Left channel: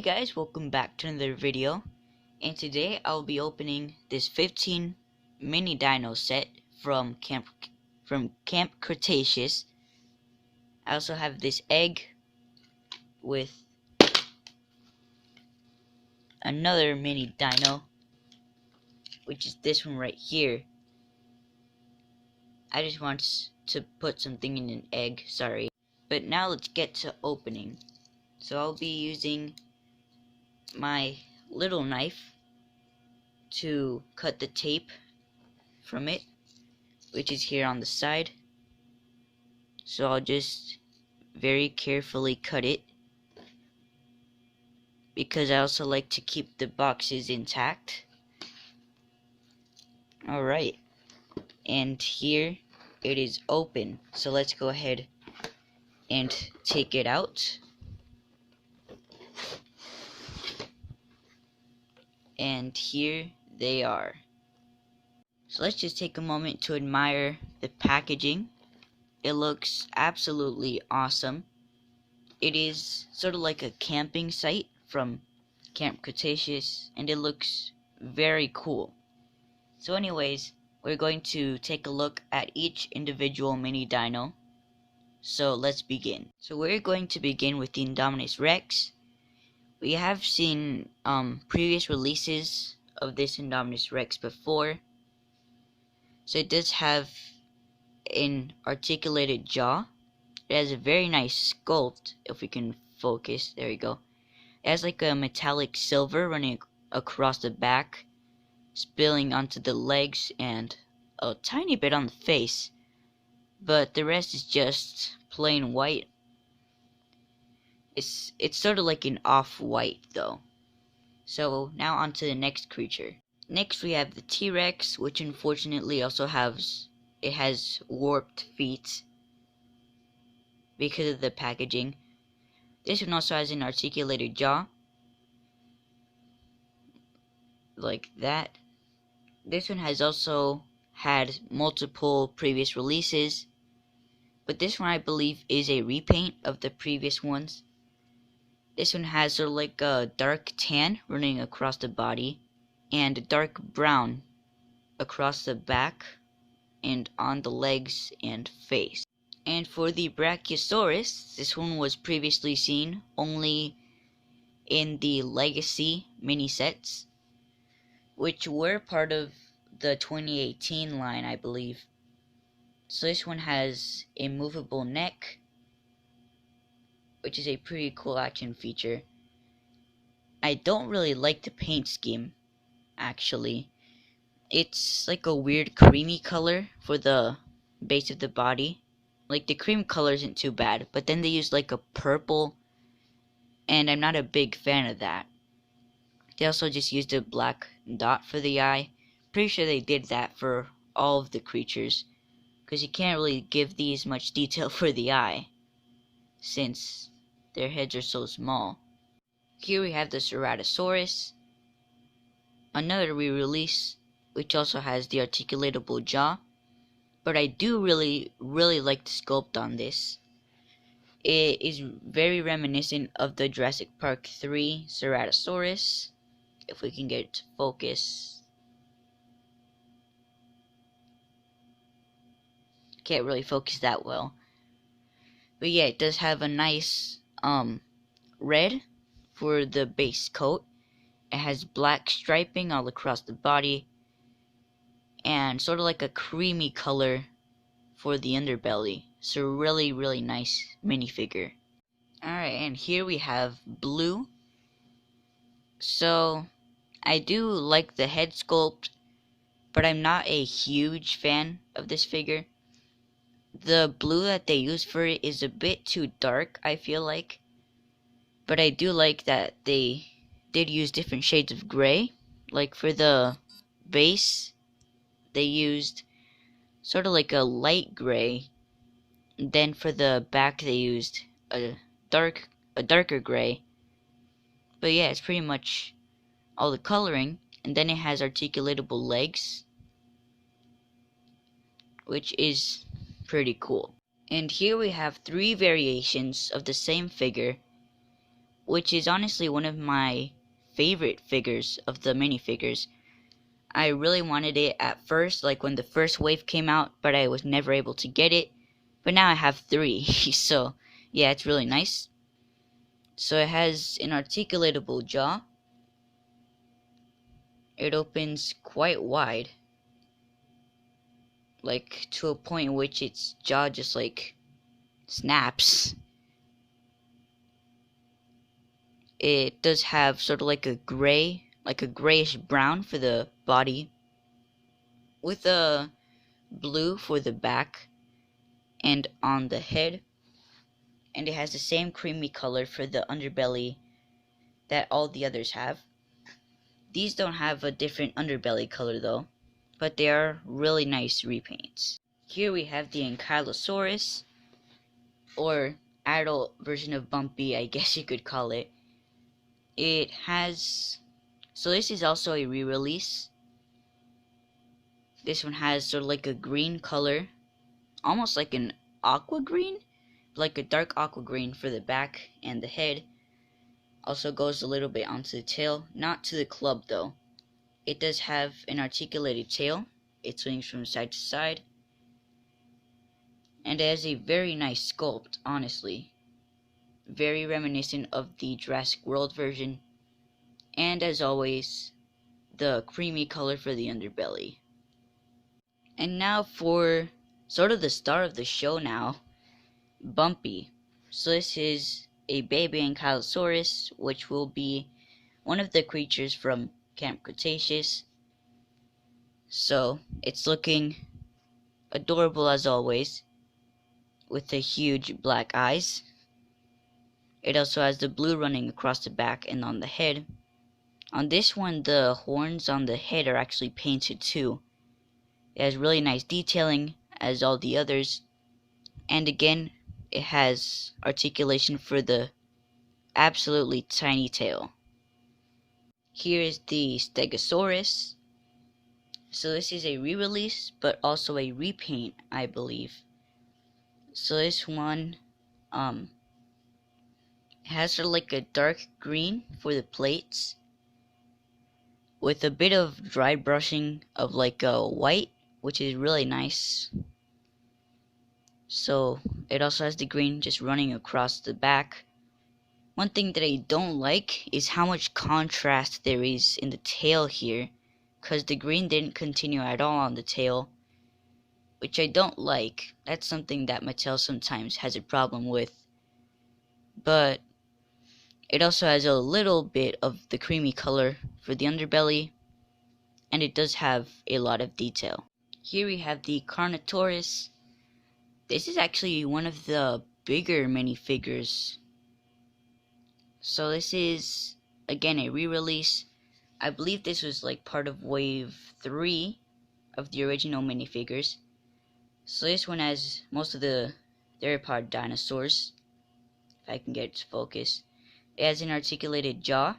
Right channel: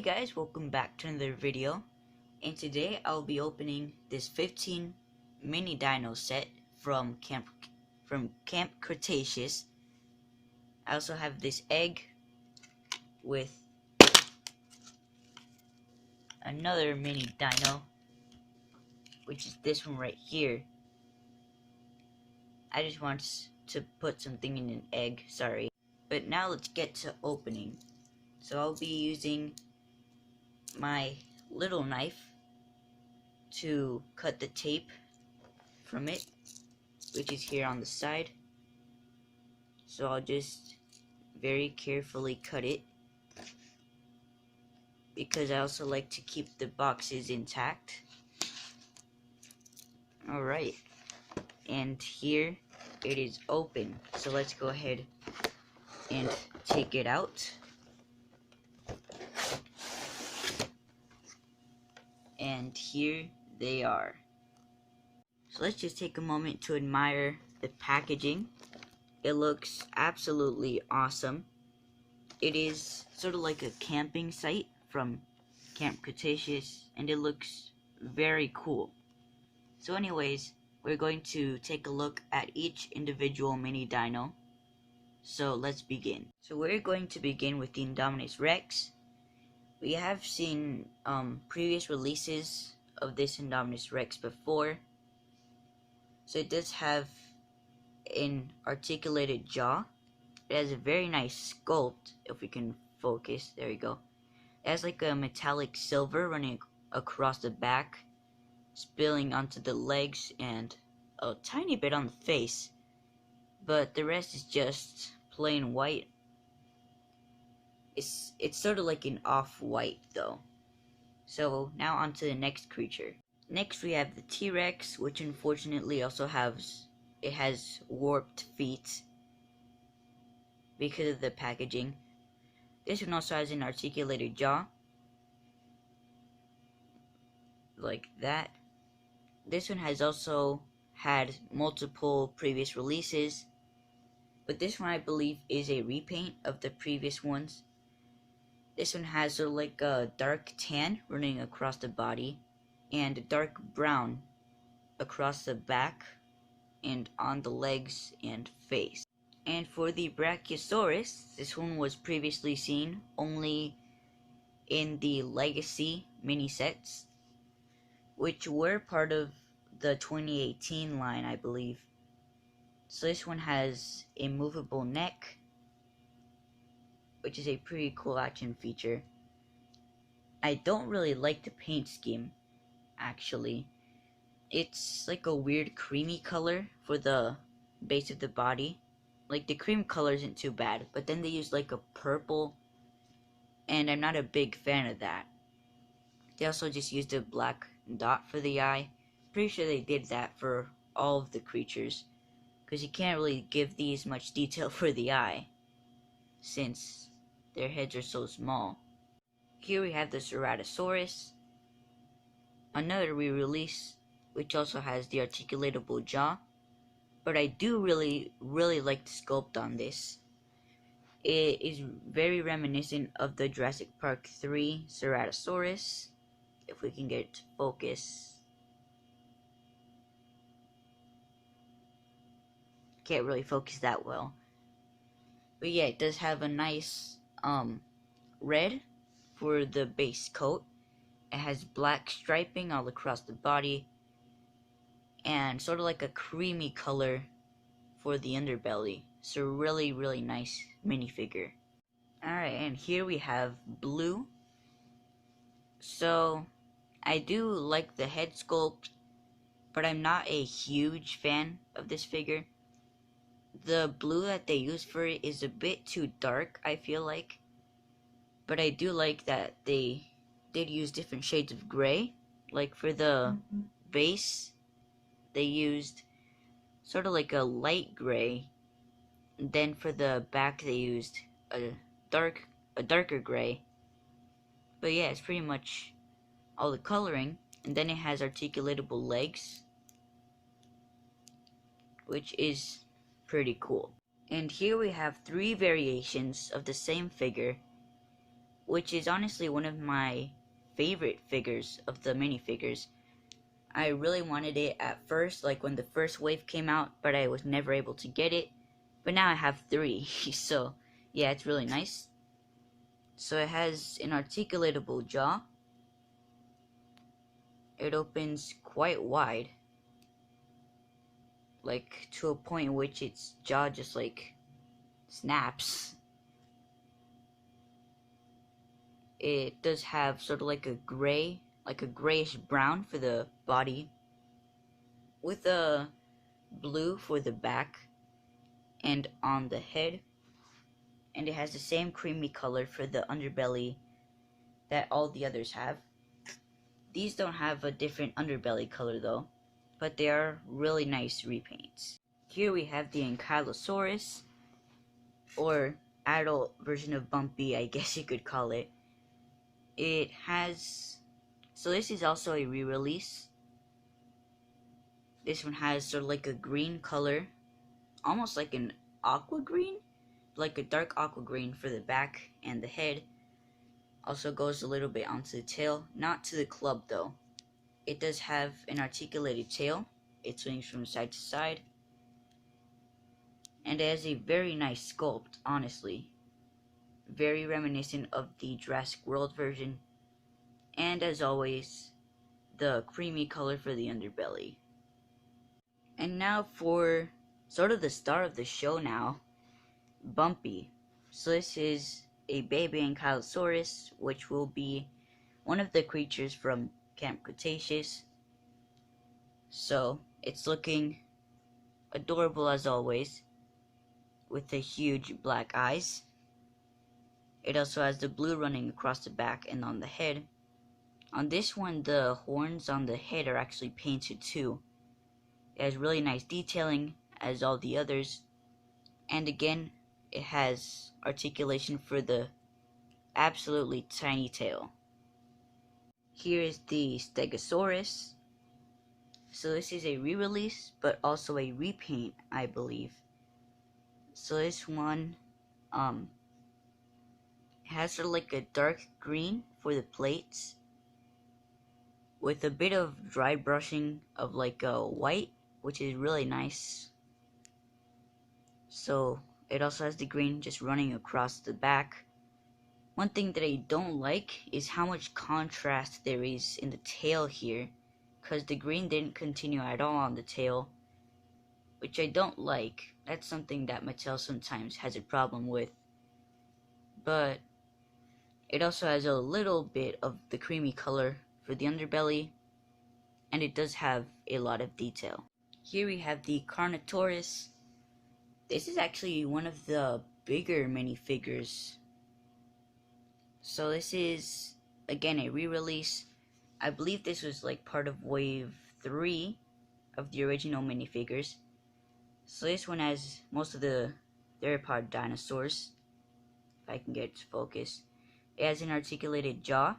Hey guys, welcome back to another video, and today I'll be opening this 15 mini dino set from Camp Cretaceous. I also have this egg with another mini dino, which is this one right here. I just want to put something in an egg, sorry. But now let's get to opening. So I'll be using my little knife to cut the tape from it, which is here on the side. So I'll just very carefully cut it, because I also like to keep the boxes intact. Alright, and here it is open, so let's go ahead and take it out. And here they are. So let's just take a moment to admire the packaging. It looks absolutely awesome. It is sort of like a camping site from Camp Cretaceous, and it looks very cool. So anyways, we're going to take a look at each individual mini dino. So let's begin. So we're going to begin with the Indominus Rex. We have seen previous releases of this Indominus Rex before. So it does have an articulated jaw. It has a very nice sculpt, if we can focus, there we go. It has like a metallic silver running across the back, spilling onto the legs, and a tiny bit on the face. But the rest is just plain white. It's sort of like an off-white though. So now on to the next creature. Next we have the T-Rex, which unfortunately also has warped feet because of the packaging. This one also has an articulated jaw, like that. This one has also had multiple previous releases, but this one I believe is a repaint of the previous ones. This one has sort of like a dark tan running across the body, and a dark brown across the back and on the legs and face. And for the Brachiosaurus, this one was previously seen only in the Legacy mini sets, which were part of the 2018 line, I believe. So this one has a movable neck, which is a pretty cool action feature. I don't really like the paint scheme, actually. It's like a weird creamy color for the base of the body. Like, the cream color isn't too bad, but then they use like a purple, and I'm not a big fan of that. They also just used a black dot for the eye. Pretty sure they did that for all of the creatures, because you can't really give these much detail for the eye, since their heads are so small. Here we have the Ceratosaurus, another re-release, which also has the articulatable jaw. But I do really like the sculpt on this. It is very reminiscent of the Jurassic Park 3 Ceratosaurus. If we can get it to focus. Can't really focus that well. But yeah, it does have a nice red for the base coat. It has black striping all across the body, and sort of like a creamy color for the underbelly. So really nice minifigure. Alright, and here we have Blue. So I do like the head sculpt, but I'm not a huge fan of this figure. The blue that they use for it is a bit too dark, I feel like. But I do like that they did use different shades of gray. Like for the base, they used sort of like a light gray. And then for the back, they used a darker gray. But yeah, it's pretty much all the coloring. And then it has articulatable legs, which is pretty cool. And here we have three variations of the same figure, which is honestly one of my favorite figures of the minifigures. I really wanted it at first, like when the first wave came out, but I was never able to get it. But now I have 3, so yeah, it's really nice. So it has an articulatable jaw. It opens quite wide, like to a point in which its jaw just like snaps. It does have sort of like a gray, like a grayish brown for the body, with a blue for the back and on the head, and it has the same creamy color for the underbelly that all the others have. These don't have a different underbelly color though, but they are really nice repaints. Here we have the Ankylosaurus, or adult version of Bumpy, I guess you could call it. It has, so this is also a re-release. This one has sort of like a green color, almost like an aqua green, like a dark aqua green for the back and the head. Also goes a little bit onto the tail, not to the club though. It does have an articulated tail. It swings from side to side, and it has a very nice sculpt, honestly. Very reminiscent of the Jurassic World version, and as always, the creamy color for the underbelly. And now for sort of the star of the show now, Bumpy. So this is a baby Ankylosaurus, which will be one of the creatures from Camp Cretaceous. So it's looking adorable as always, with the huge black eyes. It also has the blue running across the back and on the head. On this one, the horns on the head are actually painted too. It has really nice detailing as all the others, and again, it has articulation for the absolutely tiny tail. Here is the Stegosaurus. So this is a re-release, but also a repaint, I believe. So this one has sort of like a dark green for the plates, with a bit of dry brushing of like a white, which is really nice. So it also has the green just running across the back. One thing that I don't like is how much contrast there is in the tail here, because the green didn't continue at all on the tail, which I don't like. That's something that Mattel sometimes has a problem with. But it also has a little bit of the creamy color for the underbelly, and it does have a lot of detail. Here we have the Carnotaurus. This is actually one of the bigger minifigures. So this is, again, a re-release. I believe this was like part of wave 3 of the original minifigures. So this one has most of the theropod dinosaurs, if I can get it to focus. It has an articulated jaw,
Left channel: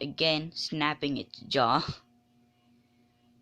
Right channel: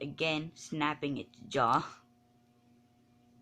again snapping its jaw,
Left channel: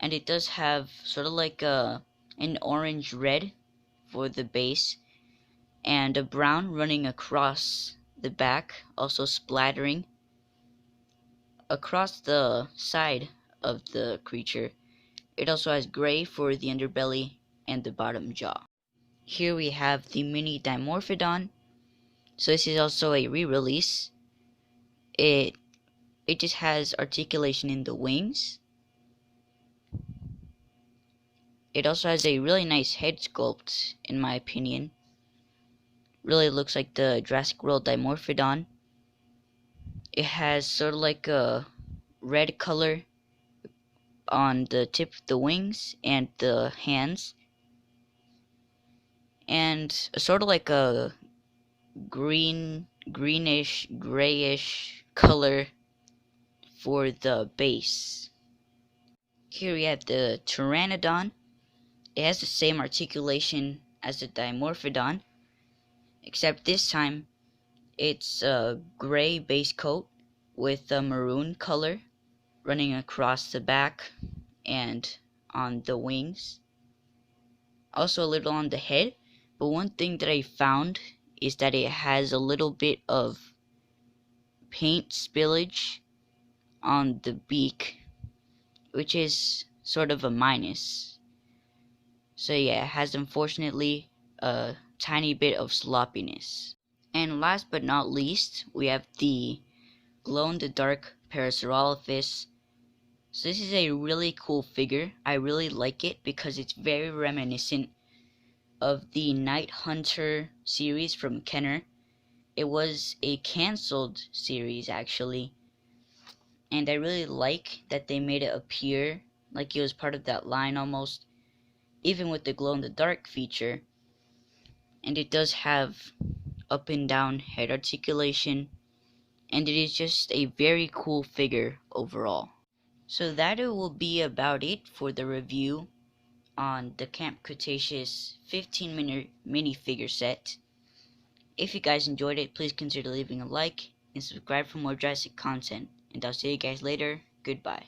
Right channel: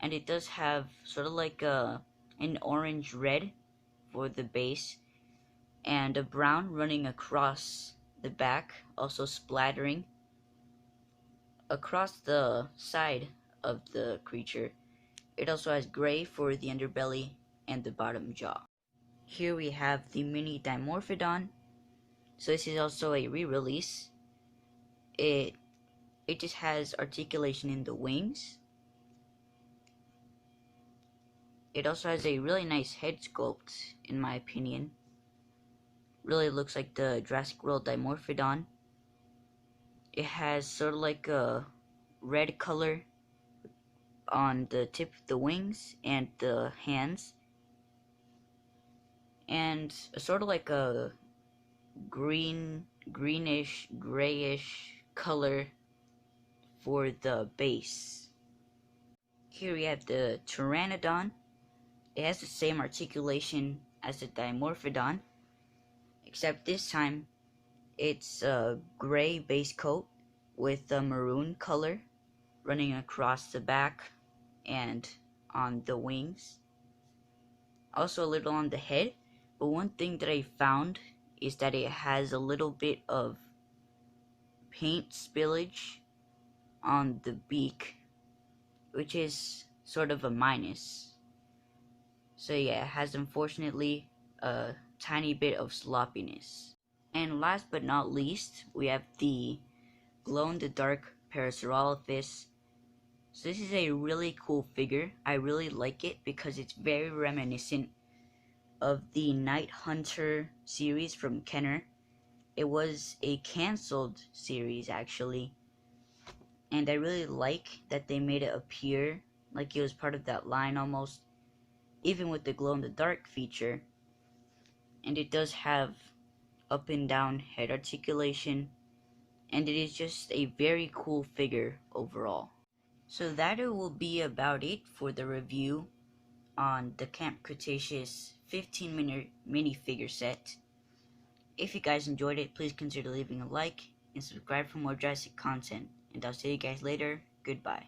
and it does have sort of like an orange red for the base, and a brown running across the back, also splattering across the side of the creature. It also has gray for the underbelly and the bottom jaw. Here we have the mini Dimorphodon. So this is also a re-release. It just has articulation in the wings. It also has a really nice head sculpt, in my opinion. Really looks like the Jurassic World Dimorphodon. It has sort of like a red color on the tip of the wings and the hands, and sort of like a greenish grayish color for the base. Here we have the Pteranodon. It has the same articulation as the Dimorphodon, except this time it's a gray base coat with a maroon color running across the back and on the wings. Also a little on the head, but one thing that I found is that it has a little bit of paint spillage on the beak, which is sort of a minus. So yeah, it has unfortunately a tiny bit of sloppiness. And last but not least, we have the glow-in-the-dark Parasaurolophus. So this is a really cool figure. I really like it because it's very reminiscent of the Night Hunter series from Kenner. It was a cancelled series actually, and I really like that they made it appear like it was part of that line almost, even with the glow-in-the-dark feature. And it does have up and down head articulation, and it is just a very cool figure overall. So that will be about it for the review on the Camp Cretaceous 15-minute minifigure set. If you guys enjoyed it, please consider leaving a like and subscribe for more Jurassic content. And I'll see you guys later. Goodbye.